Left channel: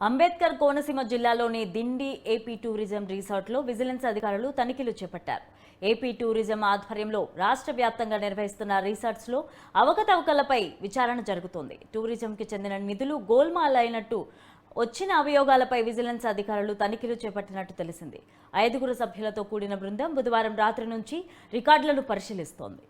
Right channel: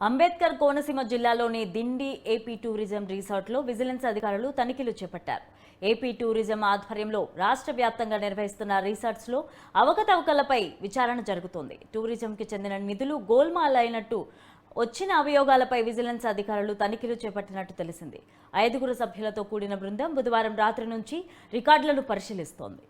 అంబేద్కర్ కోనసీమ జిల్లాలోని Dindi AP tourism రిసార్ట్లో vigilance అధికారులు తనిఖీలు చేపట్టారు. ఏపీ టూరిజం ఆధ్వర్యంలో రాష్ట్ర వ్యాప్తంగా నిర్వహిస్తున్న రిసార్ట్స్లో అవకతవకలపై విచారణ జరుగుతోంది. టూరిజంకి చెందిన నిధులు గోల్మాల్ అయినట్టు వచ్చిన అభియోగాలపై విజిలెన్స్ అధికారులు తనిఖీలు చేపట్టినట్టు తెలిసింది. 5 సభ్యులతో కూడిన బృందం బుధవారం రాత్రి నుంచి రికార్డులను పరిశీలిస్తోంది.